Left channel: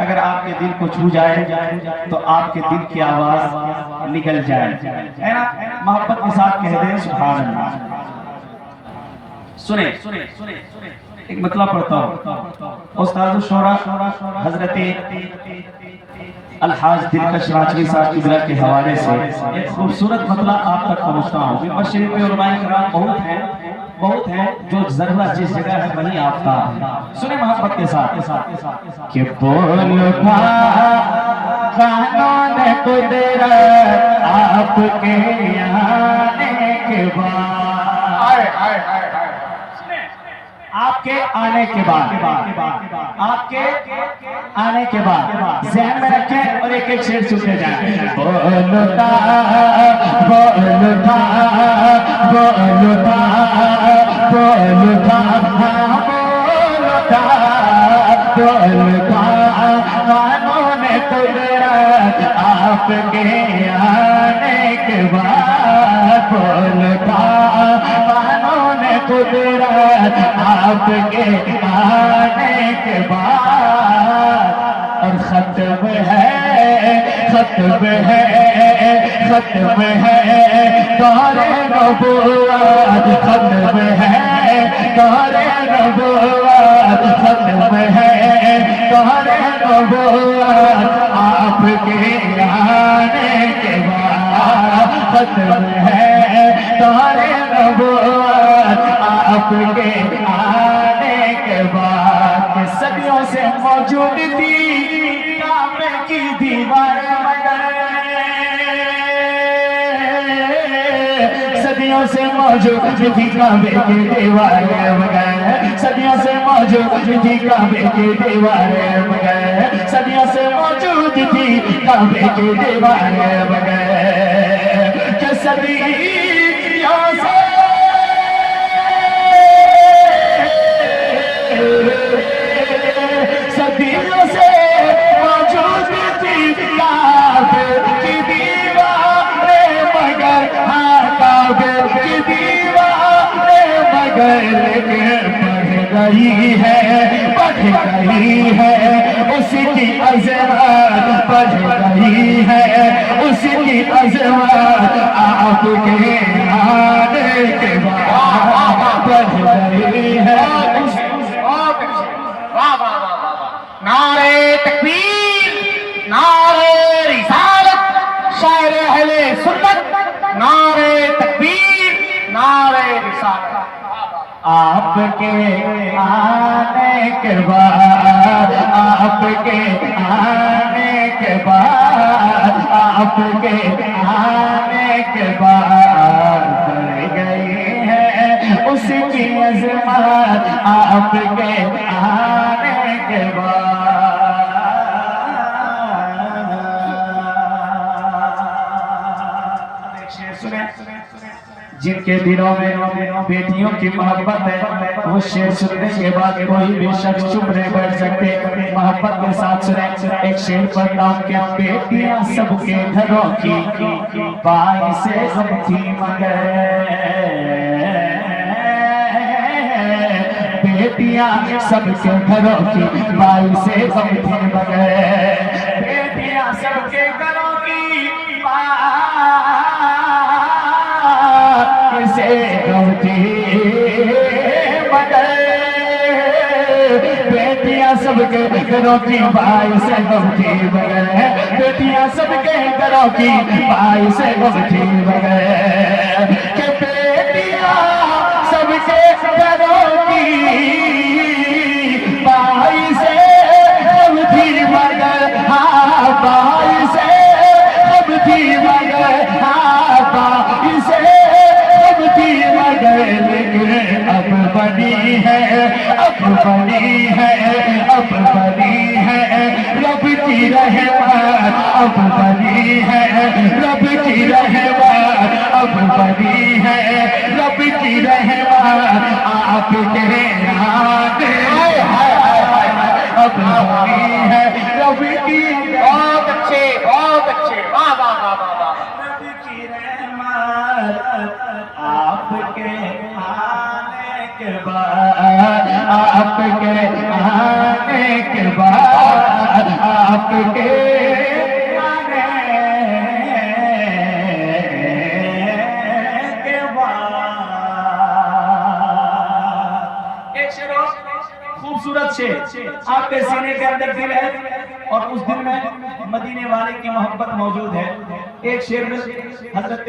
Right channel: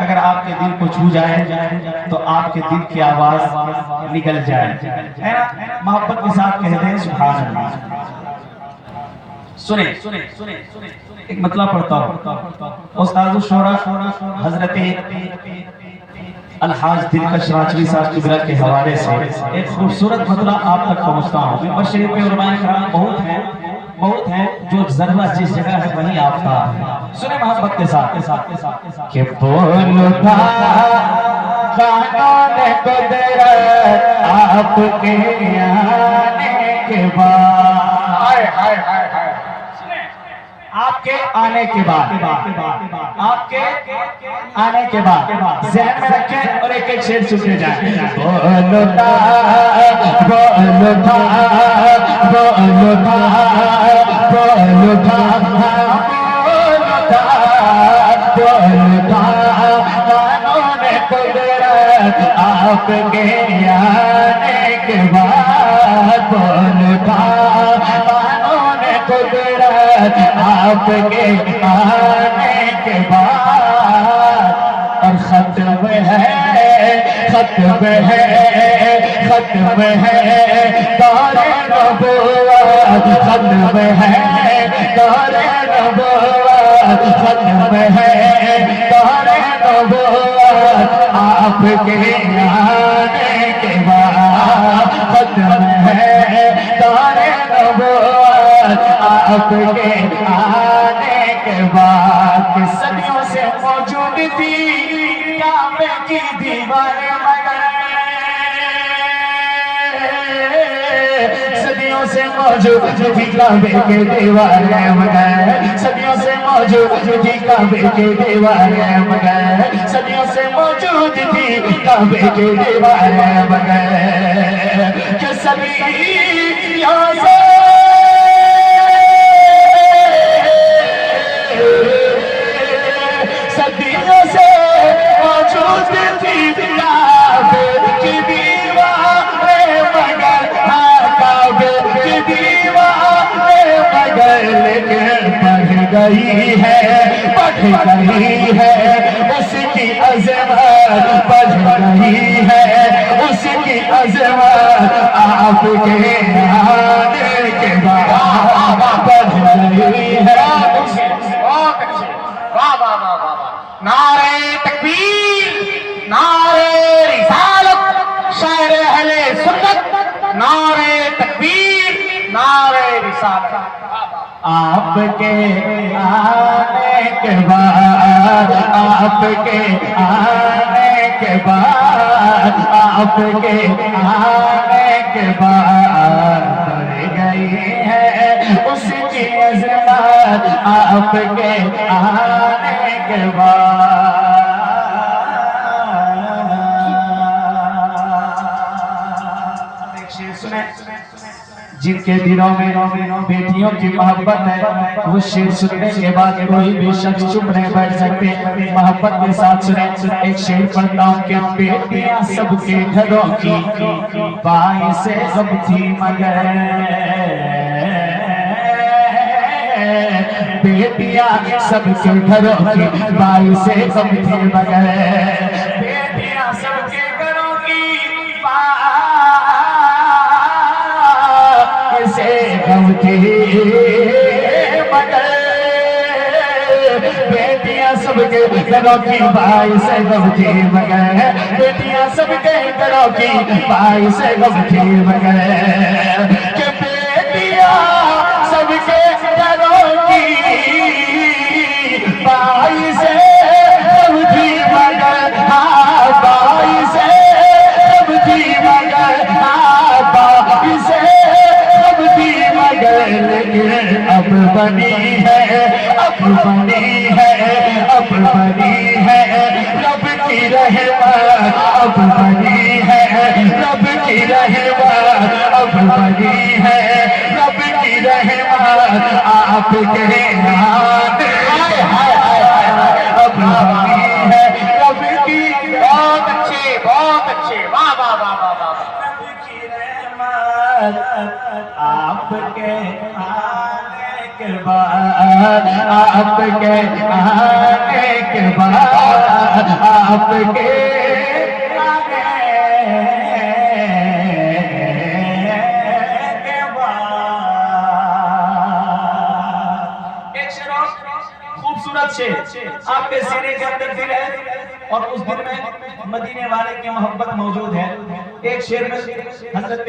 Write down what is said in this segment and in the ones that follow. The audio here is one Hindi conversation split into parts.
अगर आपके दिल को छू जाए तो आपके दिल की आवाज निकल जाए, है ना? मोहब्बत के साथ कह दें सुभान अल्लाह। सुने एक मतलब पढ़ता हूँ। उस्ताद शोरा हजरत अलहाज दिलकश राजवी साहब किबला के हवाले से एक खूबसूरत मतलब आप तक पहुँचता हूँ। मशरिक़ में उलमाए किराम बहुत है जो जर्रा जिस जगह है वहीं आफ्ताब है। सुने मोहब्बत के साथ कि बोलता कानून कुदरत आपके आने के बाद, आपके आने के बाद, आपके आने के बाद ज़हन में रखें और एक एक शेर सुनते जाएं। बोलता बोलता बोलता बोलता बोलता बोलता कानून कुदरत आपके आने के बाद, बोलता कानून कुदरत आपके आने के बाद। और खत्म है खत्म है खत्म है दौरे नबुव्वत, खत्म है दौरे नबुव्वत, खत्म है दौरे नबुव्वत आपके आने के बाद, खत्म है दौरे नबुव्वत आपके आने के बाद। सदियों से मौजूद थी काबे की दीवारें, सदियों से मौजूद थी काबे के दीवारें मगर, सदियों से मौजूद थी काबे के दीवारें मगर, सदियों से मौजूद थी काबे के दीवारें मगर, कि सदियों से सदियों से मौजूद थी काबे की दीवारें मगर, हाँ काबे की दीवारें मगर, लेकिन बढ़ गई है उसकी अज़मत, बढ़ गई है उसकी अज़मत आपके आने के बाद, बढ़ गई है। नारे तकबीर, नारे रिसालत, शायर अहले सुन्नत, नारे तकबीर, नारे रिसालत। आपके आने के बाद, आपके आने के बाद, आपके आने के बाद बढ़ गई है उसकी अज़मत आपके आने के बाद। जिनके दिलों में बेटियों की मोहब्बत है वो शेर सुनने के बाद कोई भी शख्स चुप नहीं बैठ सकते। मोहब्बत के साथ सुने एक शेर पढ़ता हूं कि बेटियां सबके घरों की बाई से गम थी मगर, बेटियां सबके घरों की बाई से गम थी मगर, बेटियां सबके घरों की से गम थी मगर, बेटियां सबके घरों की बाई से गम थी मगर, बेटियां सबके घरों की बाई से गम थी मगर, कि बेटियां सबके घरों की बाई से गम थी मगर, हाँ बाई से गम थी मगर, हाँ बाई से थी मगर, लेकिन अब बनी है, अब बनी है, अब बनी है रब की रहमत, अब बनी है रब की रहमत, अब बनी है रब की रहमत आपके आने, अब बनी है रब की। बहुत अच्छे, बहुत अच्छे, वाह वाह वाह वाह वाह। आपके आने के बाद, आपके आने के बाद आपके आगे के बाद। एक शेर और खूबसूरत शेर, आपके सीने के अंदर दिल है और उस दिल में मदीने वाले की मोहब्बत मौजूद है। एक शेर में हजरत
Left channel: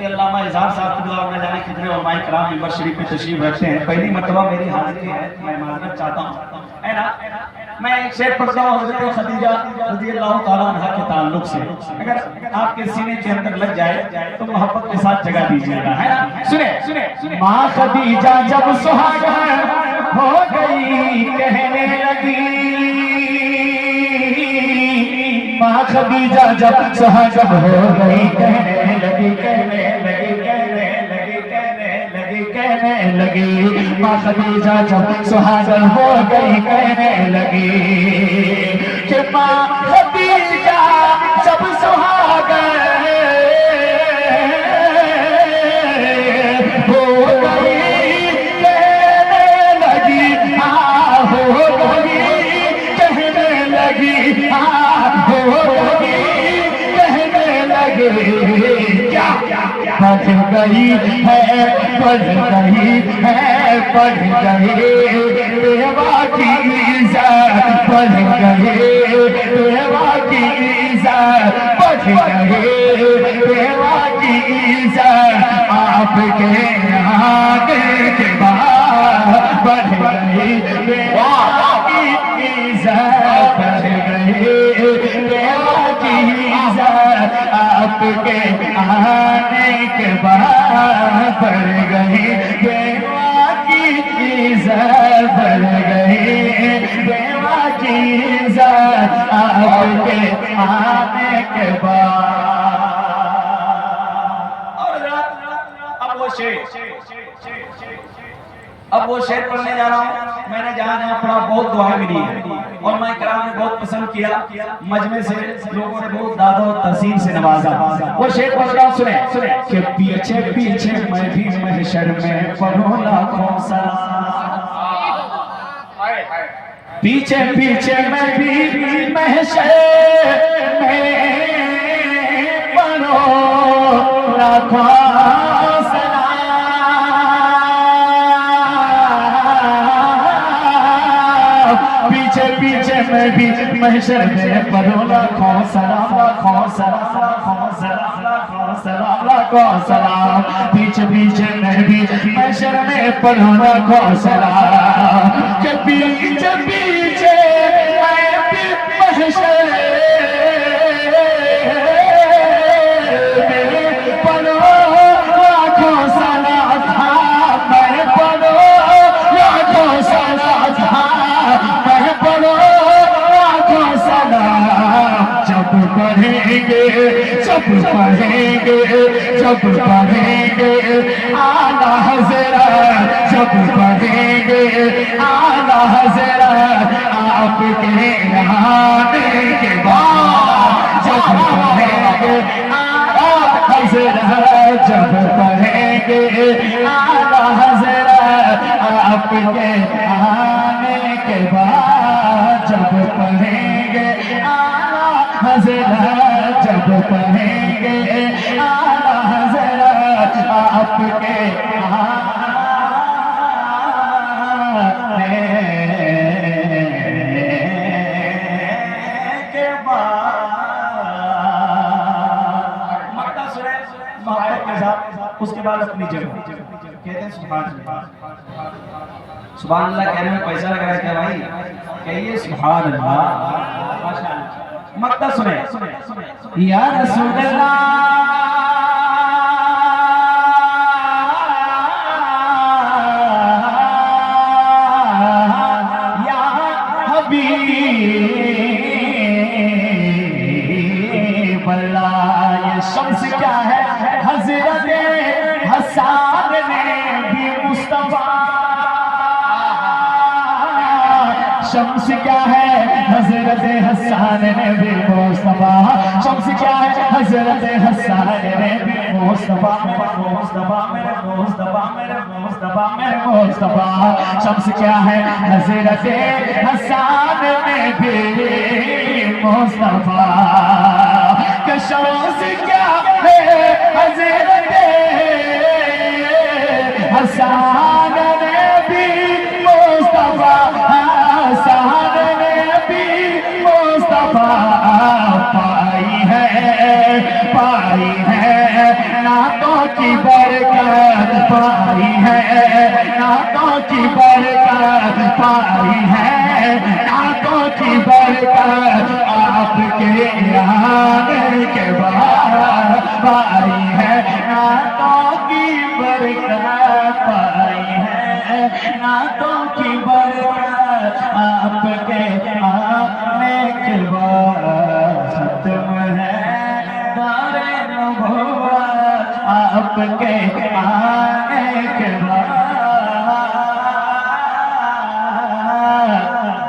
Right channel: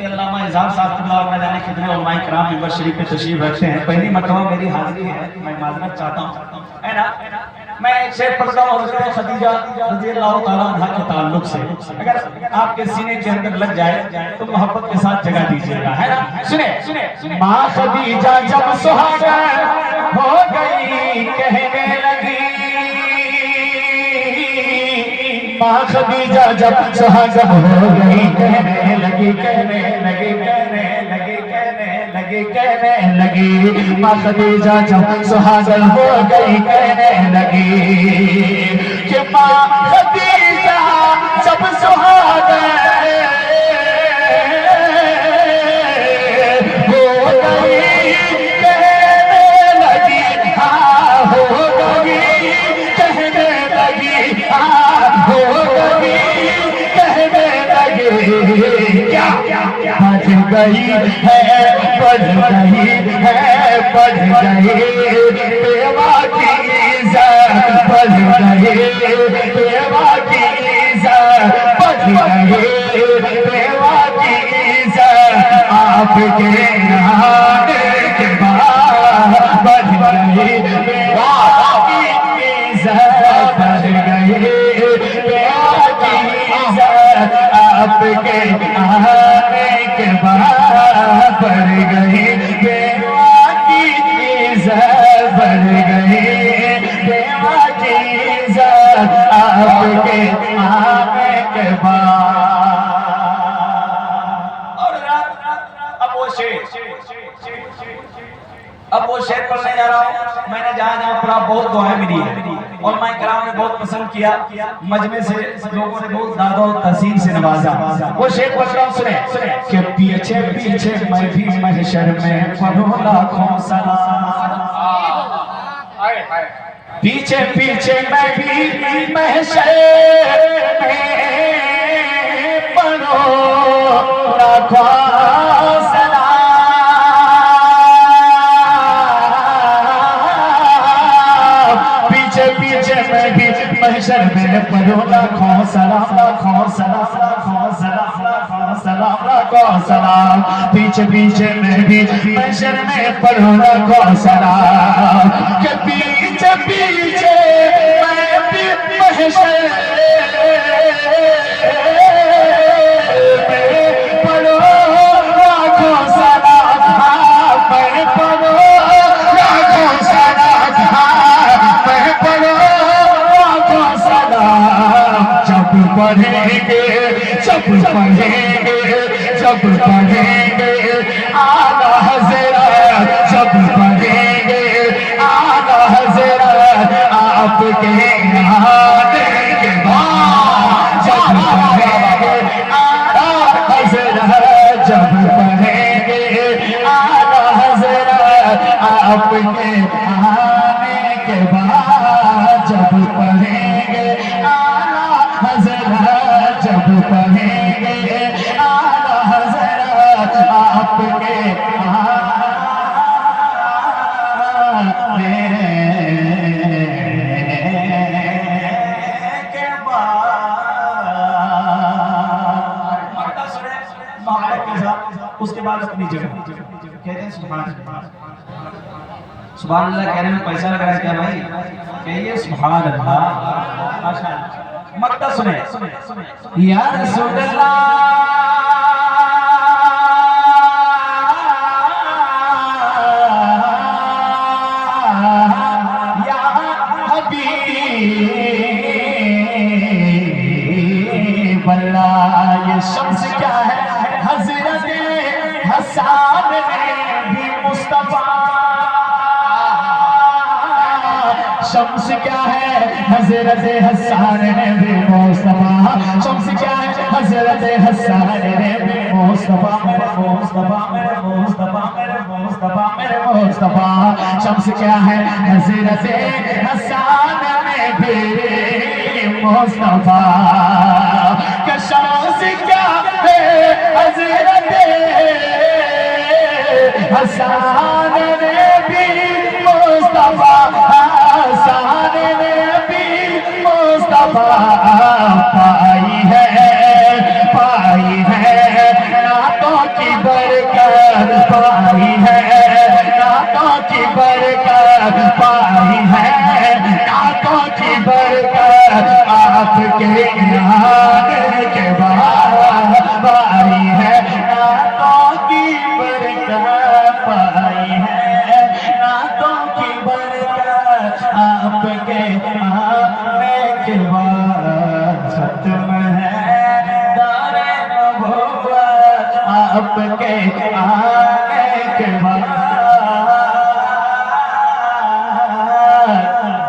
अल्लामा इज़हार साहब न जाने कितने उलमाए किराम मेंबर शरीफ में तशरीफ रखते हैं। पहली मर्तबा मेरी हाजिरी है, मैं माजरत चाहता हूँ, है ना। मैं एक शेर पढ़ता हूँ हज़रत खदीजा रज़ियल्लाहु ताला अन्हा के ताल्लुक से। अगर आपके सीने के अंदर लग जाए तो मोहब्बत के साथ जगह दीजिएगा, है ना। सुने सुने सुने। माँ खदीजा जब सुहागन हो गई कहने लगी, माँ खदीजा जब सुहागन हो गई कहने लगी, कहने लगी, कहने लगी, कहने लगी, कहने लगी। माँ खदीजा जब सुहागन हो गई कहने लगी कि माँ खदीजा जब सुहागन हो गई कहने लगी, हाँ हो गई कहने लगी, हाँ हो गई कहने लगी। क्या बढ़ गई है, बढ़ गई है, बढ़ गई बेवा की इज़्ज़त, बढ़ गई बेवा की इज़्ज़त, बढ़ गई बेवा की इज़्ज़त। आपके आने के बाद बढ़ गई बेवा की इज़्ज़त, बढ़ गई बेवा की इज़्ज़त। आपके आने के बाद बढ़ गई बेवा की इज़्ज़त, बढ़ गई बेवा की इज़्ज़त। आपके आने के बाद। और अब वो शेर पढ़ने जा रहा हूँ। मैंने जहाँ पढ़ा बहुत दुआएं मिली है और मैं कराम ने बहुत पसंद किया, मजमे से लोगों ने बहुत दादा और तहसीन से नवाजा। वो शेर पढ़ रहा हूँ, सुने सुने। कि पीछे पीछे मैं भी महशर में पढ़ूं लाखों सलाम, पीछे पीछे मैं भी महशर में पढ़ूं लाखों सलाम। पीछे पीछे मैं भी महशर में पढ़ूं लाखों सलाम, लाखों सलाम, लाखों सलाम, लाखों सलाम, लाखों सलाम। पीछे पीछे मैं भी महशर में पढ़ूं लाखों सलाम। के पीछे पीछे मैं भी महशर में पढ़ूं लाखों सलाम, मैं पढ़ूं लाखों सलाम, मैं पढ़ूं लाखों सलाम। जब पढ़ेंगे, जब पढ़ेंगे, जब पढ़ेंगे आला हज़रत, जब पढ़ेंगे आला हज़रत। आपके आने के बाद जब पढ़ेंगे आला हज़रत, जब पढ़ेंगे आला हज़रत। आपके आने के बाद जब पढ़ेंगे आला हज़रत, जब पढ़ेंगे आला हज़रत। आपके आने के बाद मक्ता सुने मोहब्बत के साथ, उसके बाद अपनी जगह कहते हैं सुभान अल्लाह। सुभान अल्लाह कहने में पैसा लगा है क्या भाई? कहिए सुभान अल्लाह, माशाअल्लाह। मक्ता सुने या रसूल अल्लाह, या हबीब अल्लाह। ये शम्स क्या है? हज़रत हसन ने भी मुस्तफा। शम्स क्या है? हज़रत हसन ने भी मुस्तफा। शम्स क्या है? हज़रत हसन ने भी मुस्तफा। मेरे मुस्तफा, मेरे मुस्तफा, मेरे मुस्तफा, मेरे मुस्तफा। शम्स क्या है हजरत हसन में भी मुस्तफा। कि शम्स क्या है हजरत हसन में भी मुस्तफा। हसन में भी मुस्तफा पाई है नातों की बरकत, पाई है नातों की बरकत, पाई है नातों की बरकत। आपके आने के बाद पाई है नातों की बरकत, पाई है नातों की बरकत। आपके आने के बाद खत्म है दारे नबुव्वत। आपके आने के बाद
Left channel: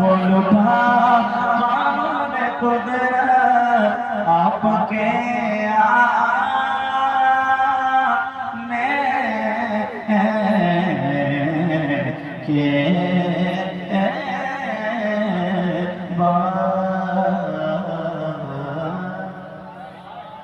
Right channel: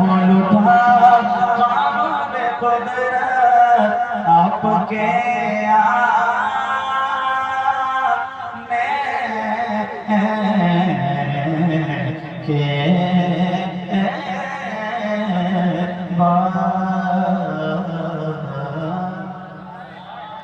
बोलो कानून कुदरत। आपके आने के